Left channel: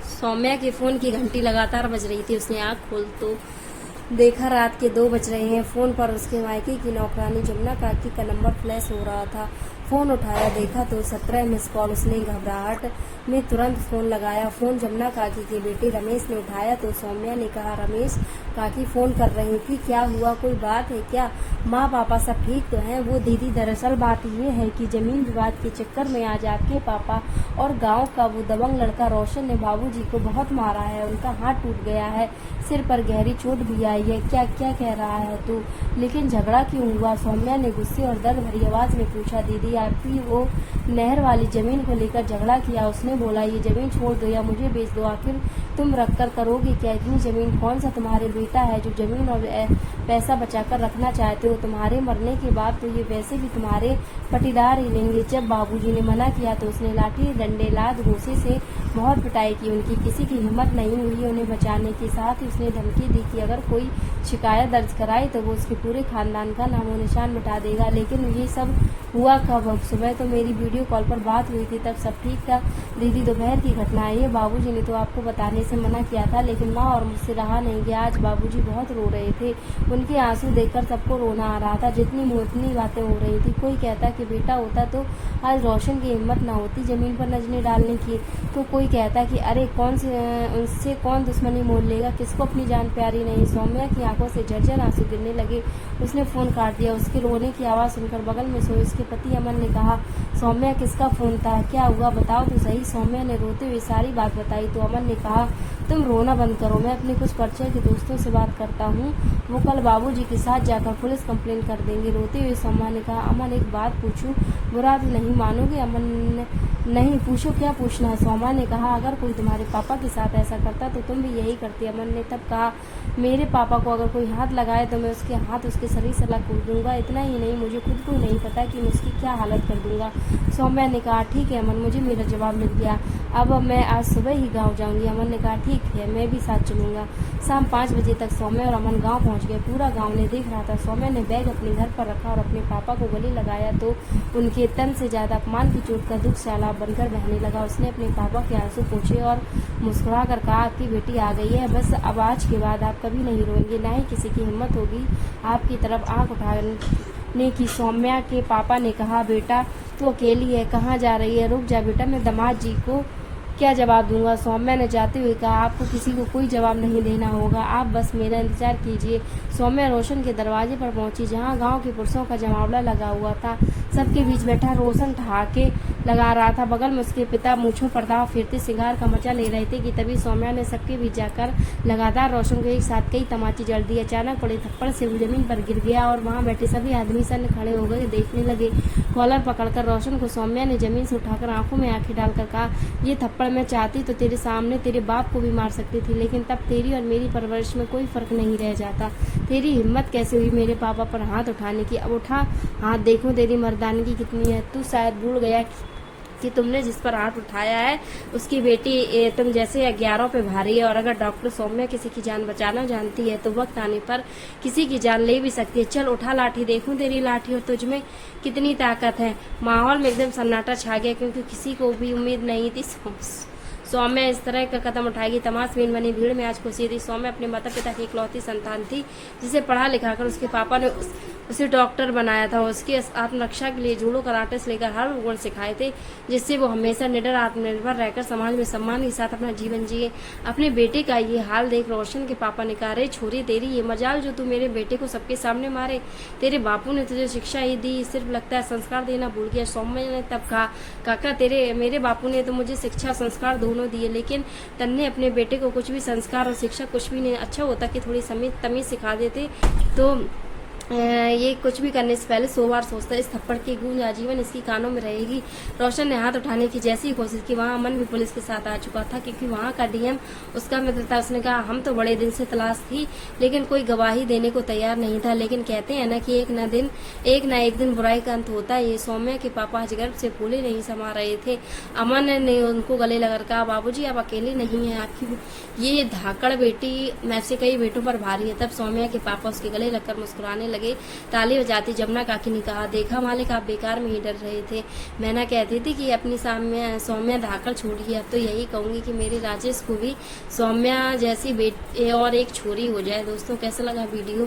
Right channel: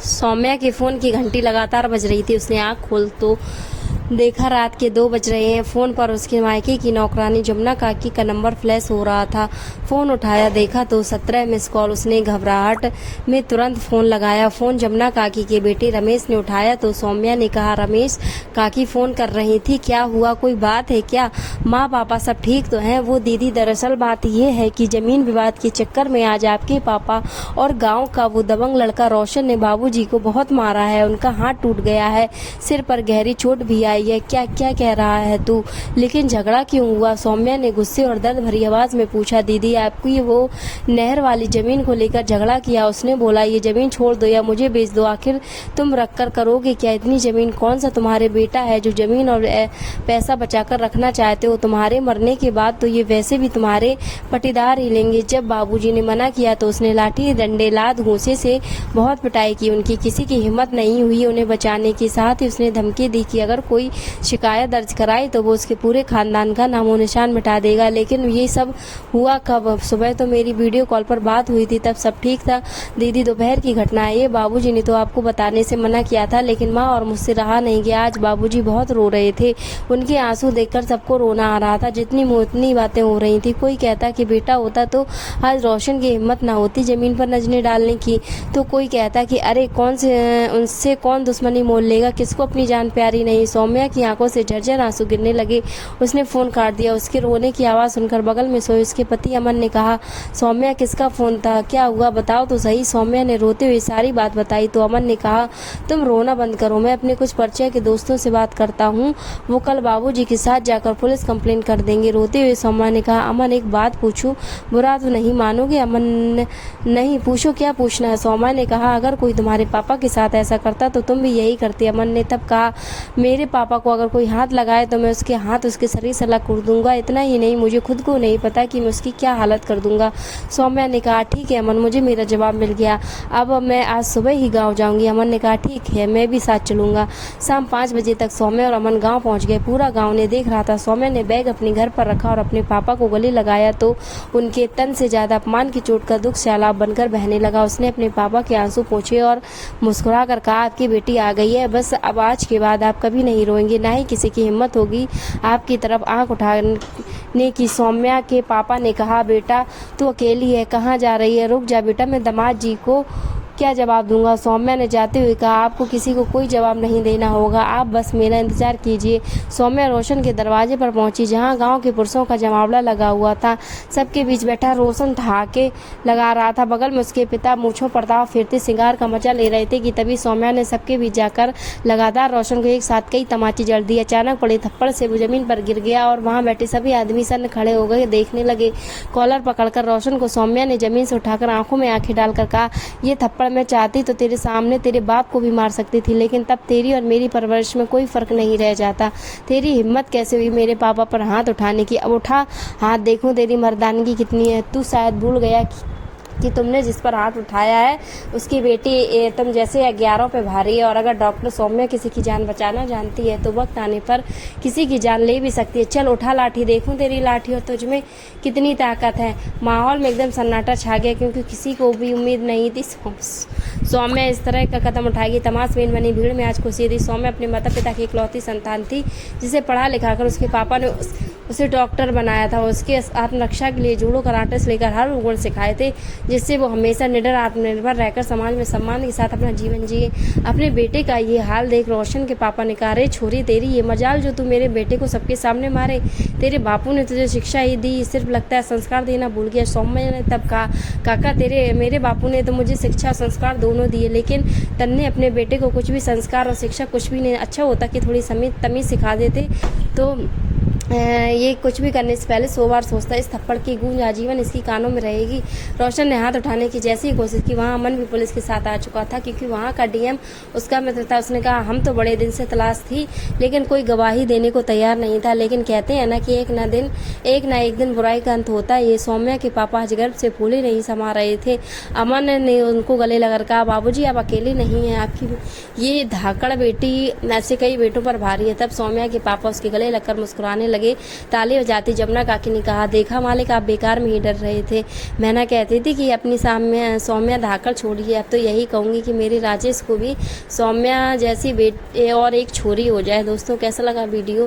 सौम्या के फ़ोन की घंटी लगातार बज रही थी। उसने आँख खोल तो देखा रात के 2 बज रहे हैं। फ़ोन पर उसके मायके की नौकरानी जमुना काकी का नंबर फ्लैश हो रहा था। फ़ोन उठाया, देखा तो 17 मिस कॉल। उसने घबराहट में तुरंत फ़ोन लगाया। फ़ोन जमुना काकी के बेटे रमेश ने उठाया तो सौम्या ने कहा, रमेश काकी फ़ोन कर रही थी, क्या हुआ, कोई बात है क्या? माँ पापा सब ठीक तो हैं? वो दीदी, दरअसल बात ये है कि ज़मीन विवाद के चक्कर में आज आपके पापा और गाँव का वो दबंग लड़का रोशन ने बाबूजी को बहुत मारा है। उनका हाथ टूट गया है, सिर पर गहरी चोट भी आई है। क्या क्या कह रहा है तू? लेकिन झगड़ा क्यों हुआ? सौम्या ने गुस्से और दर्द भरी आवाज में पूछा। दीदी, आपकी वो नहर वाली जमीन को लेकर झगड़ा किया। उसने बोला, ये जमीन छोड़ दो या मुझे बेच दो, आखिर तुम रख कर करोगे क्या? इतनी जमीन कौन सा तुम्हारे बेटा है जो जमीन और पैसा बचाकर रखना चाहते हो? तुम्हारे मरने के बाद तो ये वैसे भी तुम्हारे पटीदार ही लेंगे। जब बाबूजी ने मना किया तो उसने लाठी, डंडे, लात, घूंसे से बहुत पिटाई की। उनकी किसी की हिम्मत नहीं हुई उन्हें बचाने की। साथ ही उसने धमकी दी कि अगर कोई शिकायत दर्ज कराई तो वो उसके पूरे खानदान का नामो निशान मिटा देगा। लेकिन ये सब हुआ कब? सुबह तो मेरी वीडियो कॉल पर बात हुई थी, तब सब ठीक था। दीदी, दोपहर की घटना है ये। बाबूजी ने तो आपको बताने से मना किया था, लेकिन माँ और मुझसे रहा नहीं गया। आज बाबूजी बहुत रो रहे थे, उनके आंसू देखकर सबको रोना आ रहा था। जितनी मुतनी बातें हो रही थी। कोई कहता कि बेटा होता तो आज रोशन की हिम्मत ना होती जमीन पर नजरें डालने की, तो कोई कहता कि अरे कौन से उनसे कौन दुश्मनी मोल लेगा, किसको अपनी जान प्यारी नहीं। सौम्या की आंखों से झरझर आंसू गिरने लगे। उसने फोन काट दिया। उसके रोने की आवाज़ सुनकर बगल में सोए उसके पति अमन ने कहा, सौम्या, किसका फोन था, क्या हुआ, बताओ तो सही। सौम्या ने रोते हुए सारी बात बताई तो अमन ने कहा, तुम रोना बंद करो, मैं अपने कुछ परिचय के दोस्तों से बात करता हूँ, वो कल बाबूजी के साथ जाकर पुलिस कंप्लेंट कर देंगे। रोते हुए सौम्या ने कहा, अमन एक बात पूछूं, बुरा तो नहीं मानोगे? अमन नहीं, पूछो, क्या पूछना है? सौम्या ने कहा, अगर कोई तुम्हारे पापा के साथ ऐसा करता तो तुम भी यही करती। अमन ने तब कहा, मेरे पापा को अगर कोई हाथ लगाए तो मैं उसके हाथ उसके शरीर से अलग कर दूंगा। इतना ही नहीं, मुझे खुद को नहीं पता कि मैं उसकी क्या हालत कर दूंगा। सौम्या ने कहा, ठीक है अमन, मुझे मेरा जवाब मिल गया, अब मैं आज सुबह ही गांव जाऊंगी। अमन ने कहा, ठीक है, मैं भी साथ चलूंगा। शाम 5 बजे तक सौम्या और अमन गांव पहुंच गए। पूरा गांव ने देख रहा था। सौम्या ने बैग अपने घर पर रखा और अपने पापा को गले लगाया तो उनके तन से ज्यादा अपमान की चोट का दुख सैलाब बनकर बहने लगा। उसने अपने पापा के आंसू पोंछे और मुस्कुरा कर कहा, आपकी बेटी आ गई है, बस अब आज के बाद आप कभी नहीं रोएंगे, ना ही किसी की हिम्मत होगी आपकी तरफ आंख उठाने की। सौम्या के पापा ने कहा, बेटा तू अकेली है, कहाँ जा रही है? रुक जा बेटा, मैं दामाद जी को क्या जवाब दूंगा? सौम्या ने जाते हुए कहा, आपको किसी को कोई जवाब नहीं देना होगा, आप बस मेरा इंतजार कीजिए। सौम्या रोशन के दरवाजे पर पहुंची, जहां गांव के पुरुषों का जमावड़ा लगा हुआ था। सबके बीच बैठा रोशन ठहाके लगा रहा था। बगल में उसके पिता मूंछों पर दांव फेरते सिंगार का मजा ले रहे थे कि तभी सौम्या ने सबके बीच जाकर लगातार रोशन को एक साथ कई तमाचे जड़ दिए। अचानक पड़े थप्पड़ से वो जमीन पर गिर गया और वहां बैठे सभी आदमी सन्न खड़े हो गए, देखने लगे। कॉलर पकड़कर रोशन को सौम्या ने जमीन से उठाकर आंखों में आंखें डालकर कहा, ये थप्पड़ मैं चाहती तो तेरे सामने तेरे बाप को भी मार सकती थी, लेकिन तब तेरी और मेरी परवरिश में कोई फर्क नहीं रह जाता। तेरी हिम्मत कैसे हुई मेरे पापा पर हाथ उठाने की? अब उठा हाथ, देखूं तेरी मर्दानगी कितनी है। तू शायद भूल गया कि तुमने जिस पर हाथ उठाया है उसकी बेटी तुम जैसे 11 पे भारी है, और अगर डॉक्टर सौम्या किसी की जान बचाना जानती है तो वक्त आने पर किसी की जान ले भी सकती है। चल उठा लाठी, देखूं तेरी लाठी और तुझ में कितनी ताकत है। माहौल में एकदम सन्नाटा छा गया, क्योंकि किसी को भी उम्मीद नहीं थी सौम्या इस तरह का कदम उठाएगी। तमाशबीन बनी भीड़ में आज खुशी थी। सौम्या अपने माता पिता की इकलौती संतान थी, जिसे पढ़ा लिखा कर उसके पापा ने उसे डॉक्टर बनाया था। उसके आत्मरक्षा के लिए जूडो, कराटे से लेकर हर गुण सिखाए थे, जिससे वो हमेशा निडर, आत्मनिर्भर रहकर समाज में सम्मान के साथ अपना जीवन जिए। अपने बेटे का ये हाल देख रोशन के पापा ने कहा, अरे छोरी, तेरी ये मजाल जो तू मेरे बेटे को सबके सामने मारे। तेरे बापू ने तुझे शिक्षा ही दी, सिर्फ लगता है संस्कार देना भूल गया। सौम्या ने तब कहा, काका, मेरे बापू ने तो मुझे शिक्षा संस्कार दोनों दिए, लेकिन तन्ने अपने बेटे को कुछ भी संस्कार और शिक्षा कुछ भी नहीं। अच्छा होता कि थोड़ी तमीज सिखा देते तो ये कुछ भी करने से पहले 100 बार सोचता। इस थप्पड़ की गूंज आजीवन इसकी कानों में रहेगी। रोशन ने हाथ उठाने की जैसी ही कोशिश की, वहाँ अमन भी पुलिस के साथ आ चुका था, क्योंकि वहाँ का डीएम उसका मित्र था। उसने कहा, हम तो बड़े दिन से तलाश थी, लेकिन कोई गवाही देने को तैयार नहीं था। लेकिन कहते हैं ना कि एक ना एक दिन बुराई का अंत होता है। ये सौम्या के पापा आज गर्भ से फूले नहीं समा रहे थे। अमन ने उनको गले लगाकर कहा, बाबूजी आप अकेले नहीं हैं, आपकी ये धाकड़ बेटी ऐसे कई बेटों पर भारी है। तब सौम्या के पापा उसके गले लगकर मुस्कुराने लगे। लगे। ताली बजाती जमुना काकी ने कहा, देखा मालिक, आप बेकार में ही डर रहे थे। मैना कहती थी कि अपनी सौम्या धाकड़ छोड़िए। अब तो यही कहूँगी कि मेरे राजेश को भी सौम्या जैसी बेटी और एक छोरी हो जाए। दोस्तों कैसा लगा वीडियो?